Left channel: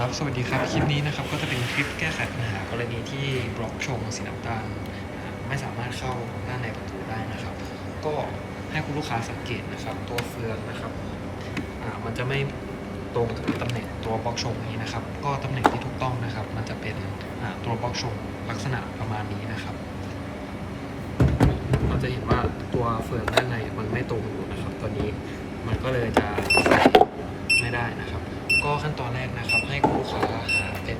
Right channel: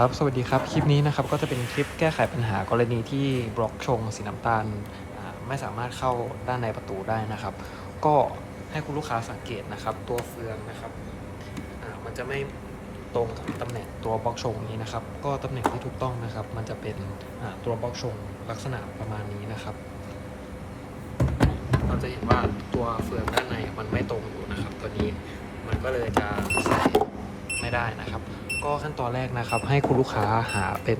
ครับ สวัสดีครับ คลิปนี้นะครับก็จะเป็นคลิปแก้ไขปัญหากรณีที่บล็อกชงสีน้ำตาลไม่สามารถเข้าด้านในประตูได้นะครับ ก็ให้คุณลูกค้าสังเกตนะครับ ตัวเฟืองนะครับมันจะไม่ตรงกับตำแหน่งตัวบล็อกชงนี้นะครับ ก็ตำแหน่งที่ถูกต้องนะครับ มันจะเป็นตัวบล็อกชงลักษณะประมาณนี้นะครับ เราจะเห็นว่าตัวเฟืองด้านในมันไม่ตรงอยู่นะครับ ตัวนี้มันก็เลยจะใส่ไม่ได้นะครับ ก็ขั้นตอนแรกนะครับ ให้คุณลูกค้าหาเป็น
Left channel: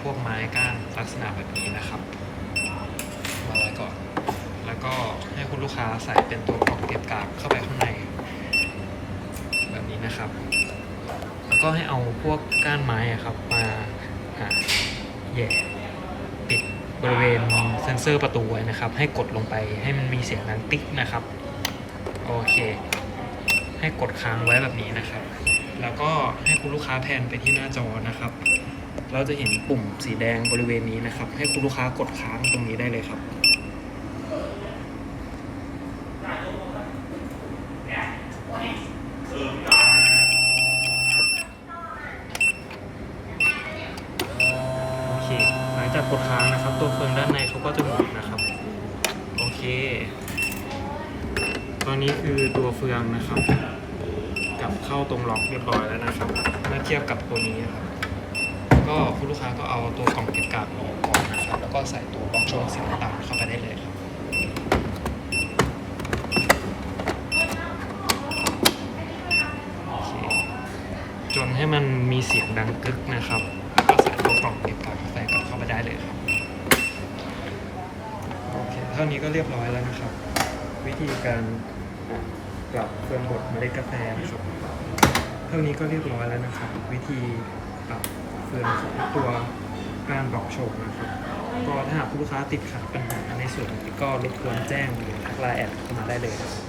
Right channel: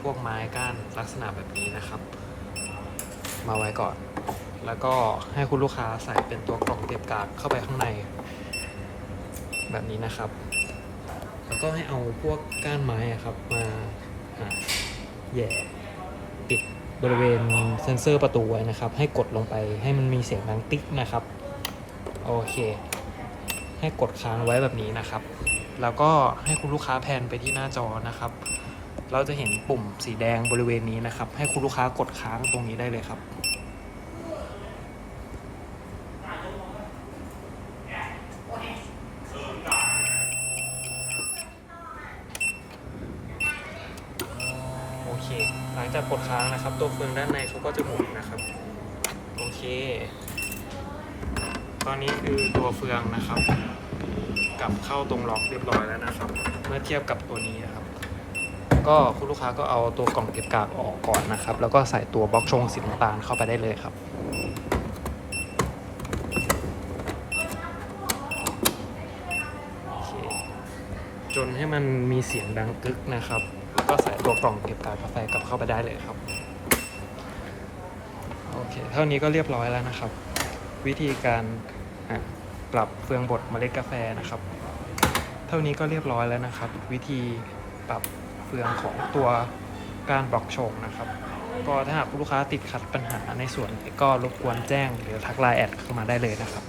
พวกไม้ก้านลักษณะแบบนี้นะครับ มาไว้ก่อน แล้วก็ให้คุณลูกค้าใส่เป็นตัวกล่องเก็บกากเข้าไปข้างใน แบบนี้นะครับ แล้วก็ให้เอาพวกก้านไม้ครับมาอ่าแหย่ปิดบริเวณเซนเซอร์ประตูไว้นะครับ ให้กดลงไปให้มันมีเสียงดังติ๊กนะครับ โอเค ให้กดค้างไว้แบบนี้นะครับ แล้วก็ให้คุณลูกค้าแพนไปที่หน้าจอนะครับ เราจะเห็นปุ่มสีแดงบริเวณนี้นะครับ ให้คุณลูกค้ากดค้างตรงนี้ได้เลยครับโอเคหลังจากกดค้างนะครับ ตัวเฟืองด้านในเขาก็จะหมุนนะครับ โอเค ตอนนี้คือตัวเฟืองนะครับ กับเข้าตรงล็อกเรียบร้อยแล้วนะครับ เมื่อเทียบกับตัวนี้นครับ ก็คุณลูกค้าก็เอาตัวกล่องเก็บกากออกก่อนนะครับ แล้วก็ใส่ตัวบล็อกชงสีน้ำตาลเข้าไปได้เลยครับจนให้มันมีเสียงดังกึกนะครับแล้วก็ใส่ตัวกล่องเก็บกากกาแฟกลับเข้าไปได้เลยครับ โอเค เท่านี้ก็เรียบร้อยแล้วนะครับ วิธีการ ปรับเฟืองบดเมล็ดกาแฟนะครับ เท่านี้ก็เรียบร้อยแล้วนะครับ วิธีปรับเฟืองของตัวการบล็อกโชงนะครับ ก็ถ้าหากผู้ลูกค้าติดขัดปัญหาในส่วนนี้ก็รบกวนแจ้งหรือทักไลน์แอดมาได้เลยนะครับ